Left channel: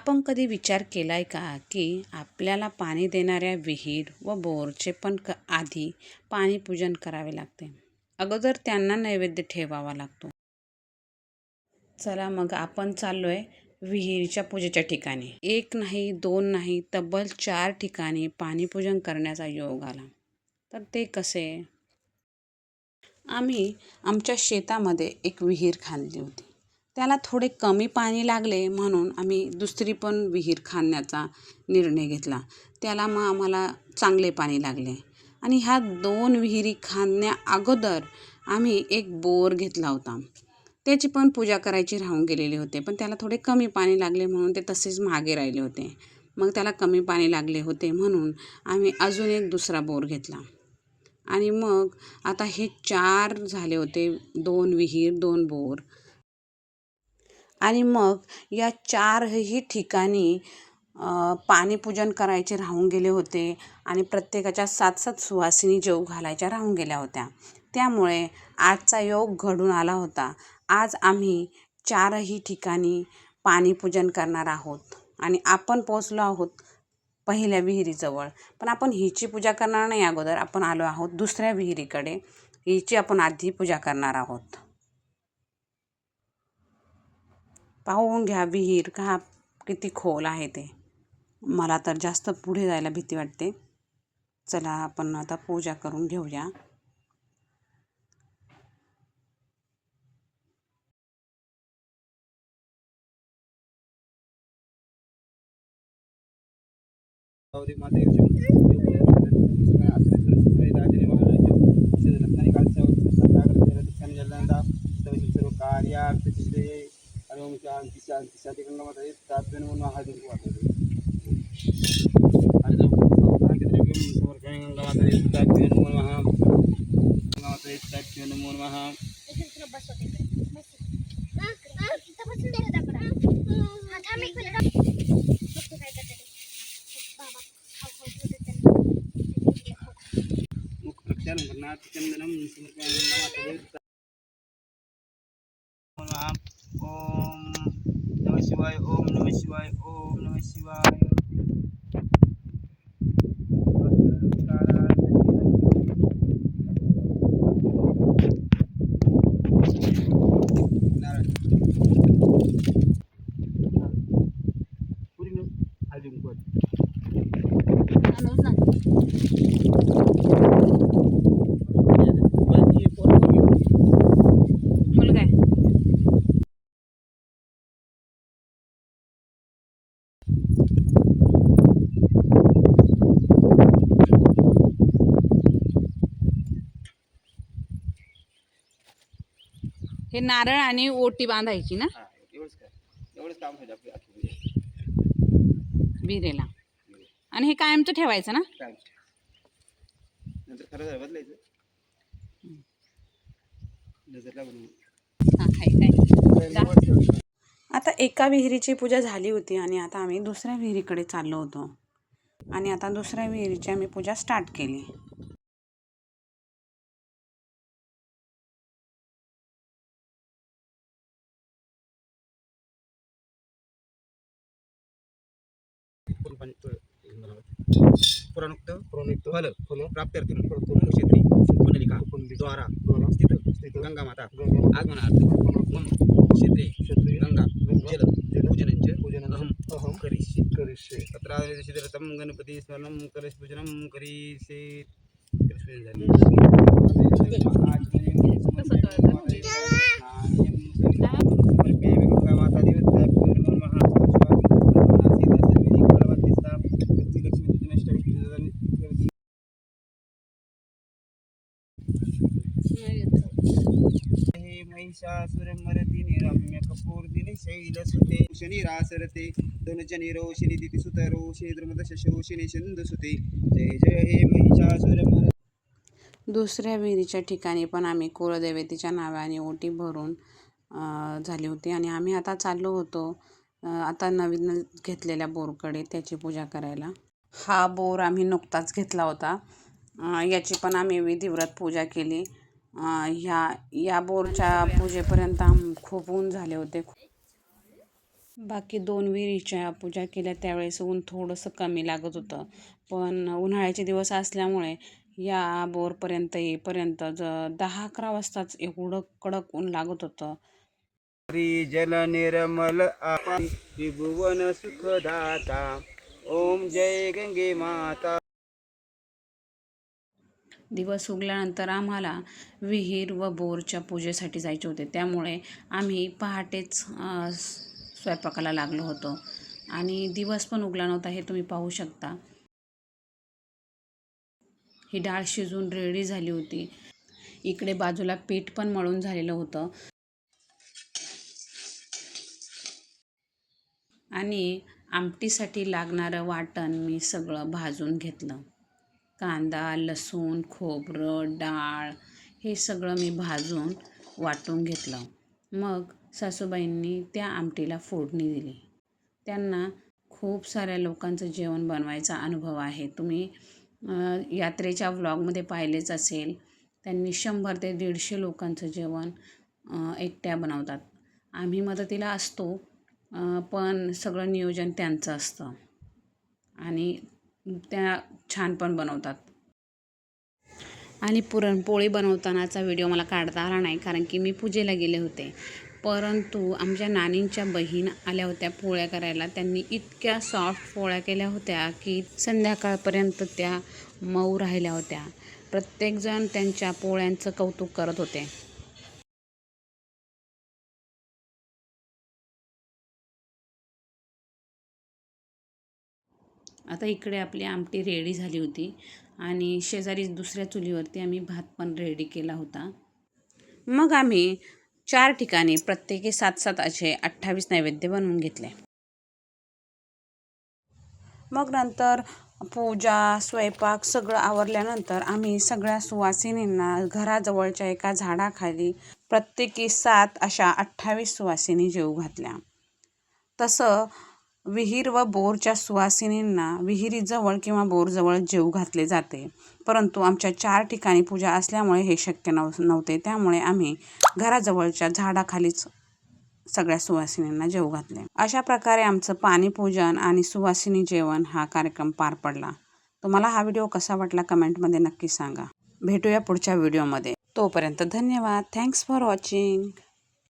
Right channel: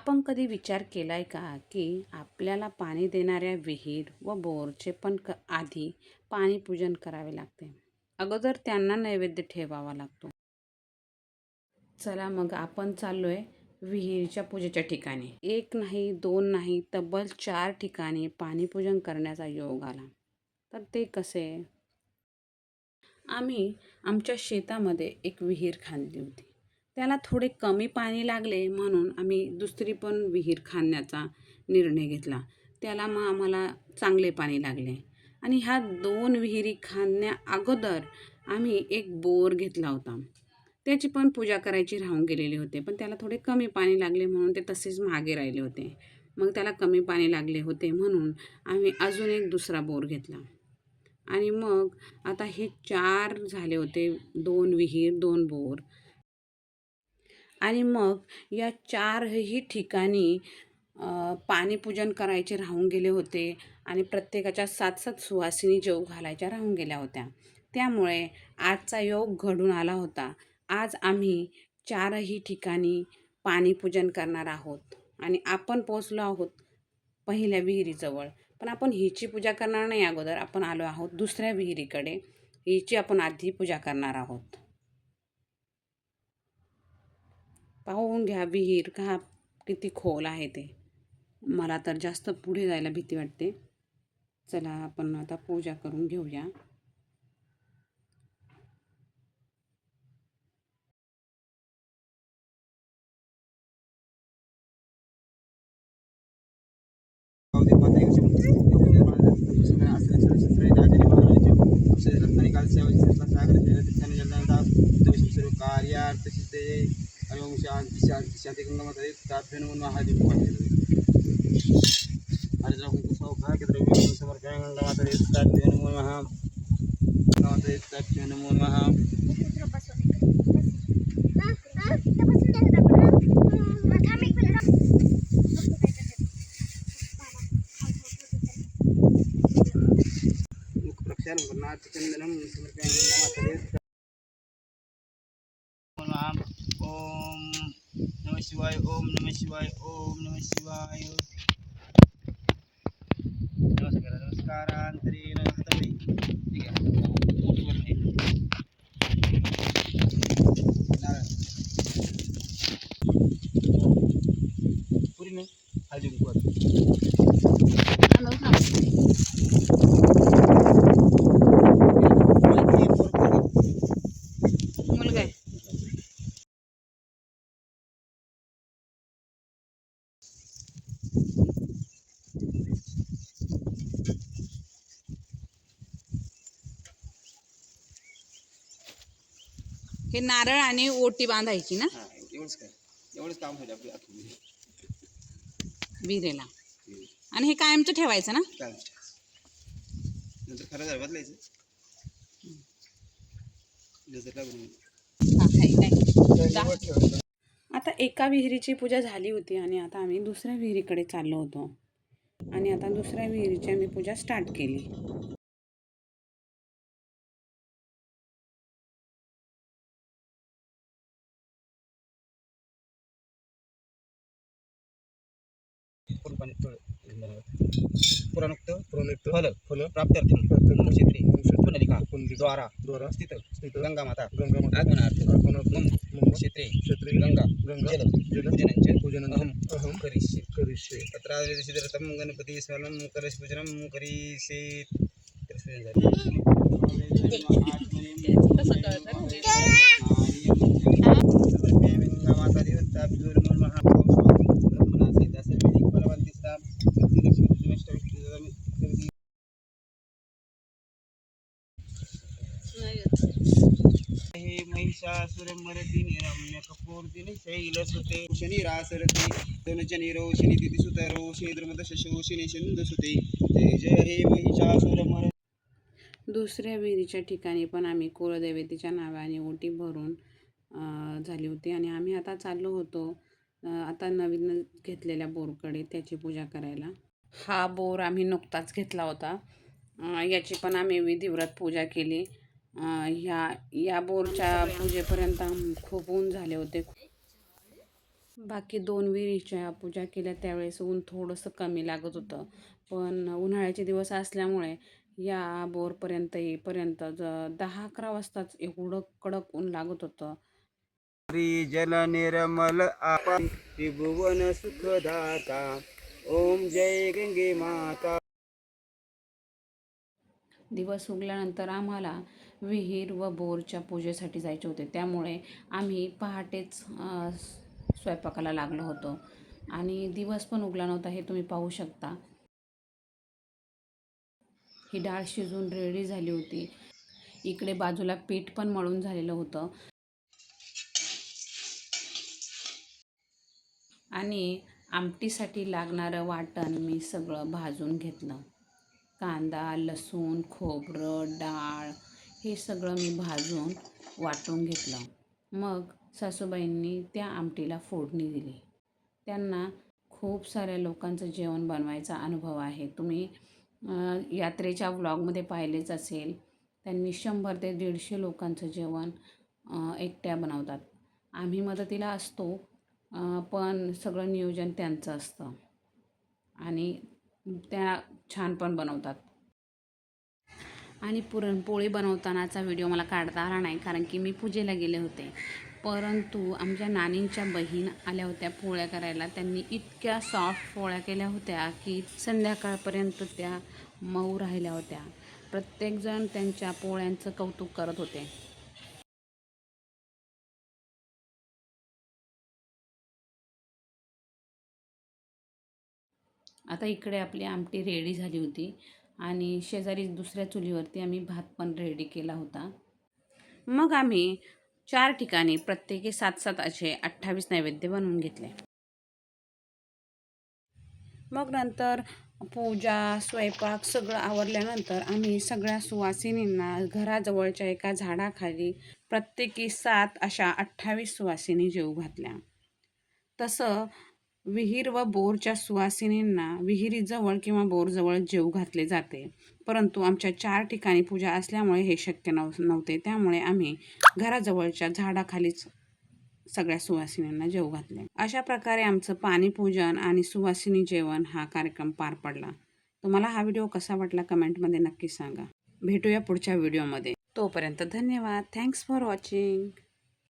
आपण कधी विचार केलाय का की आपल्याला पाणी देणाऱ्या विहीर व बोरचे पण आधी पाणी पूजन करावे लागते. अगोदर त्यांना नैवेद्य ठेवावा लागतो. चला मग आपण चाललोय विहिरीच्या पूजेच्या ठिकाणी. एक नाही, दोन नाही, तब्बल 4 ठिकाणी पाणी पूजन करण्याचा योग आला. तर ते कसे? आम्ही आमच्या शेतामध्ये एक विहीर खांदली होती. त्याला थोडे कमी पाणी लागले म्हणून आम्ही दुसरी पण विहीर खांदण्याचा निर्णय घेतला. त्याला मग आम्हाला चांगले पाणी लागले आणि ह्या 2 विहिरी खांदण्या अगोदर आम्ही एक बोर घेतला होता. त्याची पण पूजा करायची राहून गेलेली होते, पण त्याला थोडे कमी पाणी लागले म्हणून ते तसेच मागे राहिले होते. मग त्याला कमी पाणी लागले होते म्हणून आम्ही अजून एक दुसरा बोर घेतला आणि मग आता हे 4 झाले होते. 2 विहीर, 2 बोर. आणि मग या 4ही ठिकाणी पाणीपूजन करायचे राहून गेले होते आणि प्रत्येकाच्या 7-7 सुवासिनी जेवू घालायच्या राहून गेल्या होत्या. त्यामुळे आजचा योग घडून आला होता. आज आम्ही 4ही ठिकाणी पाणीपूजन करणार आहोत आणि आपण पोचलो आहोत पहिल्या विहिरीजवळ. पण आपण हिची पूजा करणार नाही अगोदर. आपण आलो आहोत दुसऱ्या विहिरीकडे. हिची आपण आधी पूजा करणार आहोत. पाहून घ्या विहीर का किती खोल आहे ते. मला तर जास्त पुढे जायला भीती वाटते. चला आपण आता पूजा करून घेऊया. ओम शांति शांति शांति गंगा माता ताप्य नमो महादेव गंगा माता ताप्य नमो नमः गंगा माता ताप्य नमो नमः मुख प्रक्षालन करना चंदनम समर्पयामि गंगा माता ओम नमः शिवाय ओम नमः शिवाय ओम नमः शिवाय नमस्कारांतरे पुरी में हल्दी मुलगा आहे. हे नारळ आणि ओटी बांधायची ना एवढंच काम होईल आपली आखी विहिरीला. आणि हे कायमचं ठेवायचं ना. काय नंतर खरं झालं बदलायचं नजरला बनवून. हा काय आता एका विहिरीची पूजा झाली होती आणि आता आम्ही दुसऱ्या विहिरीकडे चाललो होतो आणि आता दुसऱ्या विहिरीची आम्ही पूजा स्टार्ट केली. पुराणोक्त फल प्राप्त्यर्थम क्षेत्री पुनलिका द्वारा स्थित गंगा माता आगमनार्थ मम क्षेत्रे गंगा जल पूजनम् करिष्ये तत्रादृशिदरतं गणपति स्मरणं कलश पूजनं करिष्ये. महिषासुरमर्दिनि रम्यकपूर्दिनि शैलसुते शनिरासरते धनुजनि रोशिनि दितिसुत रोशिनि द्रुमदशोशिनि सिंधुसुते जय जय हे महिषासुरमर्दिनि. दुसऱ्या विहिरीच्या ठिकाणी पण आम्ही कुलदेवतेच्या नावाने ओटी भरून झाली होती आणि आम्ही आता चाललो होतो आता नवीन घेतलेल्या बोरकडे त्याची पूजा करायला. हा बोर आम्ही नुकताच घेतला होता. याची पण आम्ही विधिव्रत पूजा केली. या बोरच्या पूजेपर्यंत खूप ऊन झाले होते. बाकी 2 विहिरीच्या पूजा केल्या त्यावेळेस ऊन थोडंसं कमी लागत होतं. पण उन्हाळ्याचे दिवस असल्यामुळे या बोरपर्यंत येईपर्यंत 10-11 वाजताच एवढं कडक ऊन लागत होतं. जल निर्मल आपण त्रिभुवन सुखदाता. ओम जय गंगे माता. दिवस उगल्यानंतर आम्हाला विहीर व बोरच्या पूजेसाठी जायचे होते. त्यामुळे आम्ही पहाटेच स्वयंपाकाला लागलो होतो आणि दिवस पण उगला नव्हता, हे तुम्ही पाहू शकता. ही डाळ शिजून रेडी झाली होती. इकडे बाजूला पीठ पण मळून झालेलं होतं आणि आमटीसाठी लागणारं वाटण मी सगळं भाजून घेतलं. कांदा, लसूण, खोबरं, डाळ हे सगळं मी भाजून वाटून घेतलं. मग सासूबाईंनी त्या आमटीला फोडणी दिली. त्यांना खूप साऱ्या लोकांचं जेवण बनवायचा अनुभव आहे. तुम्ही यात्रेच्या व्लॉगमध्ये पाहिलेच असेल. त्यांनी 100 ते 150 लोकांचं जेवण एकट्या बनवतात. आम्ही मदतीला असतो, पण सगळं नियोजन त्यांचं असतं आणि त्या छान पण बनवतात. आणि पुरणपोळी बनवतानाचा व्हिडिओ मला काढता आला नाही, कारण की मी पूजेला गेले होते. परंतु आमच्या नानींच्या बहीण आल्या होत्या पोळ्या करायला. त्यांनी इतक्या सॉफ्ट पोळ्या केल्या होत्या की संध्याकाळपर्यंत त्या मऊ राहिल्या होत्या. प्रत्येकजण त्यांच्या पोळ्यांचं कौतुक करत होते. आता इकडे आपली आमटी रेडी झाली होती आणि शेजारी दुसऱ्या चुलीवरती आम्ही भात पण रेडी केला होता. मग आम्ही 4 ठिकाणी प्रत्येकी 7-7 असे 28 नैवेद्य बनवून घेतले. मग नंतर पूजा, स्वयंपाक सगळं आवरल्यानंतर आम्ही सगळ्या सुवासिनींना घराजवळच्या एका झाडाखाली प्रत्येकी 7 अशा 28 सुवासिनी जेवू घातल्या. तसं विहीर व बोरच्या सुवासिनींना विहिरीजवळ किंवा बोरजवळ जेवू घातले जाते. परंतु आमच्या 4 ठिकाणी पूजा असल्यामुळे हे शक्य नव्हते. त्यामुळे आम्ही घराजवळच्या झाडाखालीच सगळ्या सुवासिनींना जेवू घातले. अशा प्रकारे आमचं पाणीपूजन आणि सुवासिनी जेवण हा कार्यक्रम पार पडला. तुम्हाला हा व्हिडिओ कसा वाटला कमेंटमध्ये नक्की सांगा. भेटूया पुढच्या व्हिडिओमध्ये. तोपर्यंत धन्यवाद. Thanks for watching.